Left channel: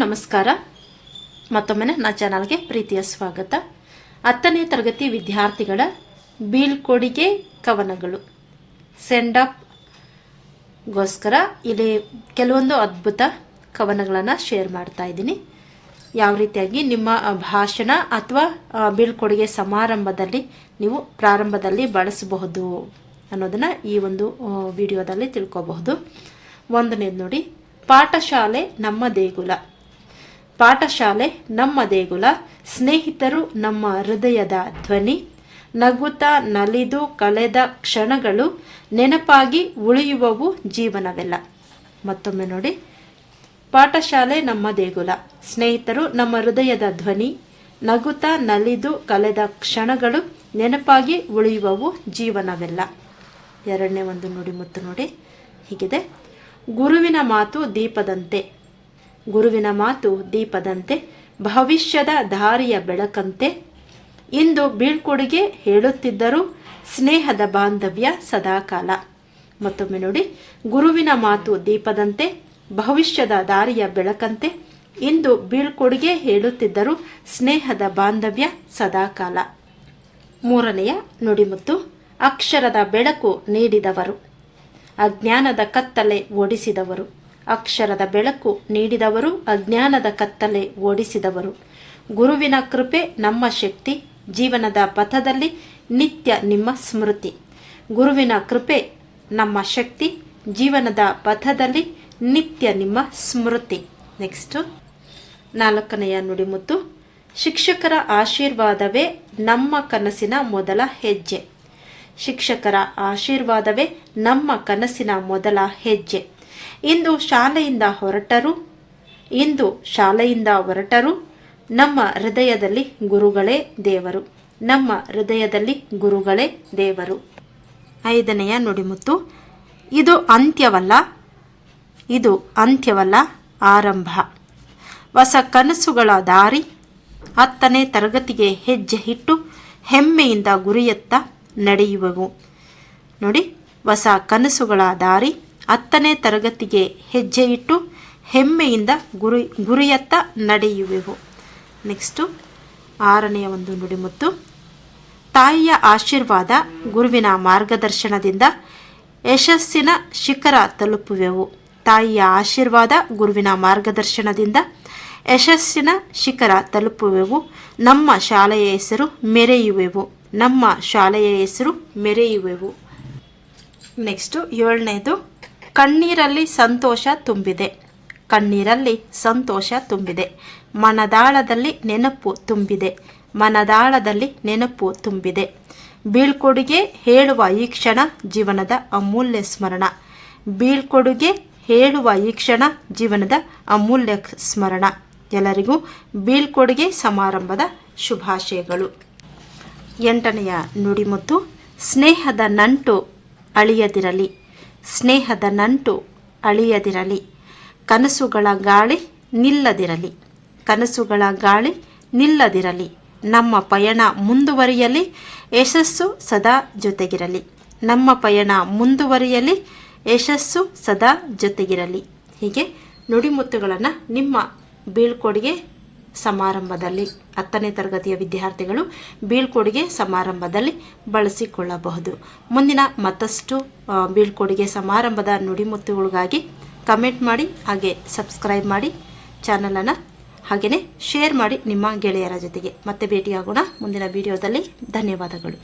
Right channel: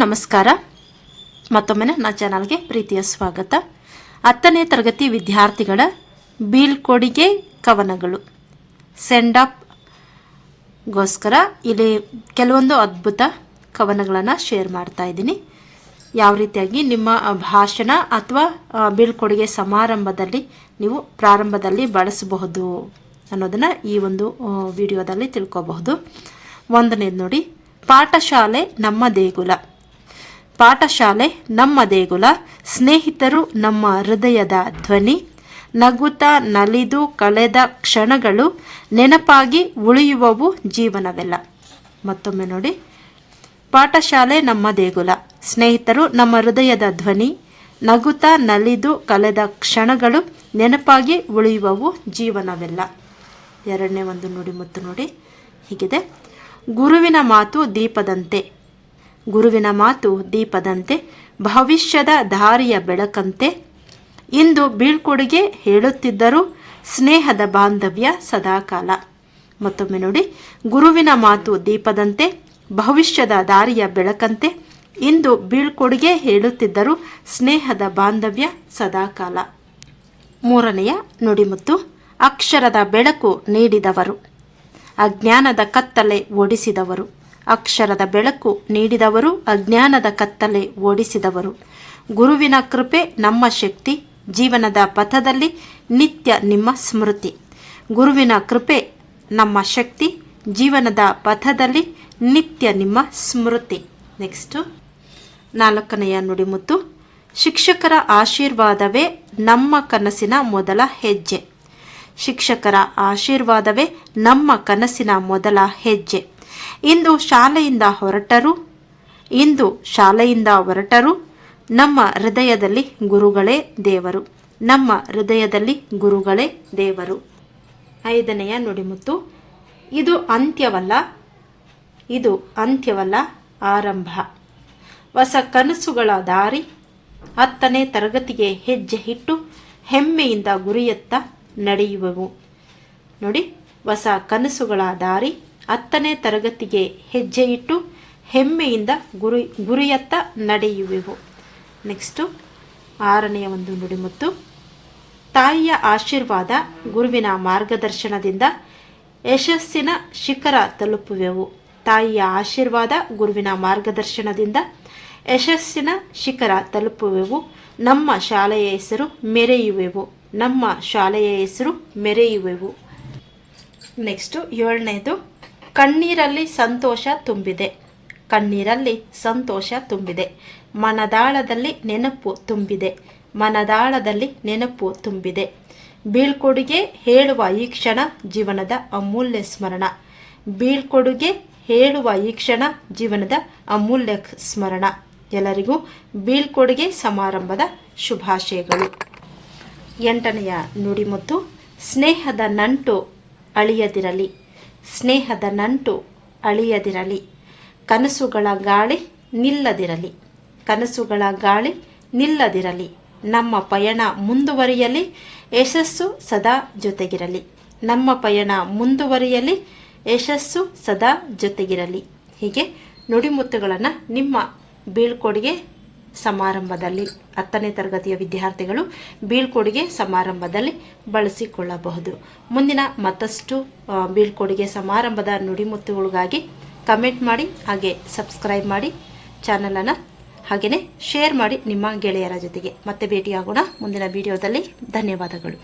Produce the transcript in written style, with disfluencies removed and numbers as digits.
ನಮಸ್ಕಾರ. ಮತ್ತೊಮ್ಮೆ ನನ್ನ ಚಾನಲ್ಗೆ ಪ್ರೀತಿಯ ಸ್ವಾಗತ. 10ನೇ ತರಗತಿ ವಿದ್ಯಾರ್ಥಿಗಳ ಬೀಳ್ಕೊಡುಗೆ ಕವನಗಳು ಸೆಂಡ್ ಅಪ್ ಗೋಸ್ಕರ ಇಲ್ಲಿ ಕೆಲವೊಂದು ಅದ್ಭುತ ಕವನಗಳನ್ನು ಶೇರ್ ಮಾಡ್ತಾ ಇದ್ದೀನಿ. ಯಾವ ರೀತಿಯಾಗಿ ನಿಮ್ಮ ಭಾಷಣ ಅಥವಾ ಬೀಳ್ಕೊಡುಗೆ ಸಮಾರಂಭದಲ್ಲಿ ನೀವು ಪ್ರಾರಂಭದಲ್ಲಿ ಬಳಸಬಹುದು ಅನ್ನೋದನ್ನ ಈ ಒಂದು ವಿಡಿಯೋದಲ್ಲಿ ತಿಳ್ಕೋಬಹುದು. ಒಂದನೇದು ನೋಡಿ, ಪಾಠಶಾಲೆ ನಮ್ಮ ದೇಗುಲ. ಪಾಠಶಾಲೆ ನಮ್ಮ ದೇಗುಲ, ಸ್ನೇಹಿತರು ನಮ್ಮ ಹೃದಯದ ಧ್ವನಿ, ನಗುತ್ತಾ ನಲಿದು ಕಳೆದ ಕ್ಷಣಗಳು ನೆನಪಾಗಿ ಉಳಿಯುವವು ಜೀವನವೆಲ್ಲ. ಮತ್ತೊಮ್ಮೆ ನೋಡಿ, ಪಾಠಶಾಲೆ ನಮ್ಮ ದೇಗುಲ, ಸ್ನೇಹಿತರು ನಮ್ಮ ಹೃದಯದ ಧ್ವನಿ, ನಗುತ್ತಾ ನಲಿದು ಕಳೆದ ಕ್ಷಣಗಳು ನೆನಪಾಗಿ ಉಳಿಯುವವು ಜೀವನವೆಲ್ಲ. ಎರಡನೇ ಒಂದು ನುಡಿಮುತ್ತು ನೋಡಿ, ಹೀಗಿದೆ. ಗುರುವಿನ ಮಾತು ದೀಪದಂತೆ, ಗುರುವಿನ ಮಾತು ದೀಪದಂತೆ, ಭವಿಷ್ಯದ ದಾರಿಯ ಬೆಳಕಂತೆ, ಇಂದು ಬೀಳ್ಕೊಡುಗೆ ಹೇಳುತ್ತಿದ್ದರು ಸ್ನೇಹದ ಬಾಂಧವ್ಯ ಸದಾಕಾಲ. ಮತ್ತೊಮ್ಮೆ ನೋಡಿ, ಗುರುವಿನ ಮಾತು ದೀಪದಂತೆ, ಭವಿಷ್ಯದ ದಾರಿಯ ಬೆಳಕಂತೆ, ಇಂದು ಬೀಳ್ಕೊಡುಗೆ ಹೇಳುತ್ತಿದ್ದರು ಸ್ನೇಹದ ಬಾಂಧವ್ಯ ಸದಾಕಾಲ. ಮೂರನೆಯ ನುಡಿಮುತ್ತು, ಅಕ್ಷರದ ಬೆಳಕು ನೀಡಿದವರು, ಅಜ್ಞಾನದ ಕತ್ತಲೆ ಓಡಿಸಿದವರು. ಅಕ್ಷರದ ಬೆಳಕು ನೀಡಿದವರು, ಅಜ್ಞಾನದ ಕತ್ತಲೆ ಓಡಿಸಿದವರು. ಗುರುವಿನ ಕೃಪೆ ನಮ್ಮ ಶಕ್ತಿ, ಜೀವನದ ಪಥದಲ್ಲಿ ನಿತ್ಯ ನಿಮ್ಮ ಸ್ಮೃತಿ. ಗುರುವಿನ ಕೃಪೆ ನಮ್ಮ ಶಕ್ತಿ, ಜೀವನದ ಪಥದಲ್ಲಿ ನಿತ್ಯ ನಿಮ್ಮ ಸ್ಮೃತಿ. ನೆಕ್ಸ್ಟ್ ನಾಲ್ಕನೆಯ ನುಡಿಮುತ್ತು, ಶಿಕ್ಷಕರ ಆಶೀರ್ವಾದವೇ ನಮ್ಮ ಕನಸಿನ ಮೊದಲ ಹೆಜ್ಜೆ. ಶಿಕ್ಷಕರ ಆಶೀರ್ವಾದವೇ ನಮ್ಮ ಕನಸಿನ ಮೊದಲ ಹೆಜ್ಜೆ. ಇಂದು ಶಾಲೆಯಿಂದ ಹೊರಟರು ನಮ್ಮ ಹೃದಯದಲ್ಲಿ ಗುರುಗಳೇ ದೇವರು, ನಮ್ಮ ಹೃದಯದಲ್ಲಿ ಗುರುಗಳೇ ದೇವರು. ಐದನೆಯ ನುಡಿಮುತ್ತು, ಇದು ಅಂತ್ಯವಲ್ಲ ಆರಂಭ. ಹೊಸ ಕನಸುಗಳ ದಾರಿ, 10ನೇ ತರಗತಿಗೆ ಹೆಜ್ಜೆ ಇಟ್ಟು ಹೆಮ್ಮೆಯಿಂದ ಗುರಿಯತ್ತ ನಡೆಯುವೆವು. ನೋಡಿ, ಹೊಸ ಕನಸುಗಳ ದಾರಿ, 10ನೇ ತರಗತಿಗೆ ಹೆಜ್ಜೆ ಇಟ್ಟು ಹೆಮ್ಮೆಯಿಂದ ಗುರಿಯತ್ತ ನಡೆಯುವೆವು. ನೆಕ್ಸ್ಟು ಆರನೆಯ ಒಂದು ನುಡಿಮುತ್ತು, ತಾಯಿಯ ಆಶೀರ್ವಾದ, ಗುರುವಿನ ಮಾರ್ಗದರ್ಶನದಿಂದ ಯಶಸ್ಸಿನ ಶಿಖರ ತಲುಪುವೆವು. ತಾಯಿಯ ಆಶೀರ್ವಾದ, ಗುರುವಿನ ಮಾರ್ಗದರ್ಶನದಿಂದ ಯಶಸ್ಸಿನ ಶಿಖರ ತಲುಪುವೆವು. ನಮ್ಮ ಶಾಲೆಯ ಹೆಸರು ಮೆರೆಯುವೆವು, ನಮ್ಮ ಶಾಲೆಯ ಹೆಸರು ಮೆರೆಯುವೆವು. ನೆಕ್ಸ್ಟು ಏಳನೇದು, ಕಣ್ಣೀರಲ್ಲಿ ಸಂತೋಷ ತುಂಬಿದೆ, ಕಣ್ಣೀರಲ್ಲಿ ಸಂತೋಷ ತುಂಬಿದೆ, ಮನದಾಳದಲ್ಲಿ ನೆನಪು ತುಂಬಿದೆ, ಮನದಾಳದಲ್ಲಿ ನೆನಪು ತುಂಬಿದೆ. ಬೀಳ್ಕೊಡುಗೆ ಹೇಳುವ ಈ ಕ್ಷಣ ಜೀವನದ ಅಮೂಲ್ಯ ಸ್ಮರಣ. ಬೀಳ್ಕೊಡುಗೆ ಹೇಳುವ ಈ ಕ್ಷಣ ಜೀವನದ ಅಮೂಲ್ಯ ಸ್ಮರಣ. ಎಲ್ಲರಿಗೂ ಬೀಳ್ಕೊಡುಗೆ ಸಮಾರಂಭದ ಶುಭಾಶಯಗಳು. 8ನೆಯ ನುಡಿಮುತ್ತು, ಸ್ನೇಹದ ನಂಟು ಅಳಿಯದಿರಲಿ, ಸ್ನೇಹದ ನಂಟು ಅಳಿಯದಿರಲಿ, ಕನಸುಗಳ ಗಾಳಿ ನಿಲ್ಲದಿರಲಿ, ಕನಸುಗಳ ಗಾಳಿ ನಿಲ್ಲದಿರಲಿ. ನಮ್ಮ ಪಯಣ ಮುಂದುವರಿಯಲಿ, ಯಶಸ್ಸು ಸದಾ ಜೊತೆಗಿರಲಿ, ನಮ್ಮ ಪಯಣ ಮುಂದುವರಿಯಲಿ, ಯಶಸ್ಸು ಸದಾ ಜೊತೆಗಿರಲಿ. ಹೀಗೆ ನುಡಿಮುತ್ತುಗಳನ್ನು ನಿಮ್ಮ ಬೀಳ್ಕೊಡುಗೆ ಸಮಾರಂಭದಲ್ಲಿ 10ನೇ ತರಗತಿಯ ವಿದ್ಯಾರ್ಥಿಗಳು ಬೀಳ್ಕೊಡುಗೆ ಸಮಾರಂಭದಲ್ಲಿ ಬಳಸಿಕೊಳ್ಳಬಹುದು. ಮುಂದಿನ ಮತ್ತಷ್ಟು ಬೀಳ್ಕೊಡುಗೆ ಸಮಾರಂಭದ ನುಡಿಮುತ್ತುಗಳಿಗಾಗಿ ಕಮೆಂಟ್ ಮಾಡಿ, ಹಾಗೆ ಸಬ್ಸ್ಕ್ರೈಬ್ ಮಾಡಿ ಚಾನಲನ್ನು, ಹಾಗೆಯೇ ಶೇರ್ ಮಾಡಿ ನಿಮ್ಮ ಗೆಳೆಯರ ಜೊತೆಗೆ. ಮತ್ತೆ ಭೇಟಿಯಾಗೋಣ ಮುಂದಿನ ವಿಡಿಯೋದಲ್ಲಿ. ಧನ್ಯವಾದಗಳು.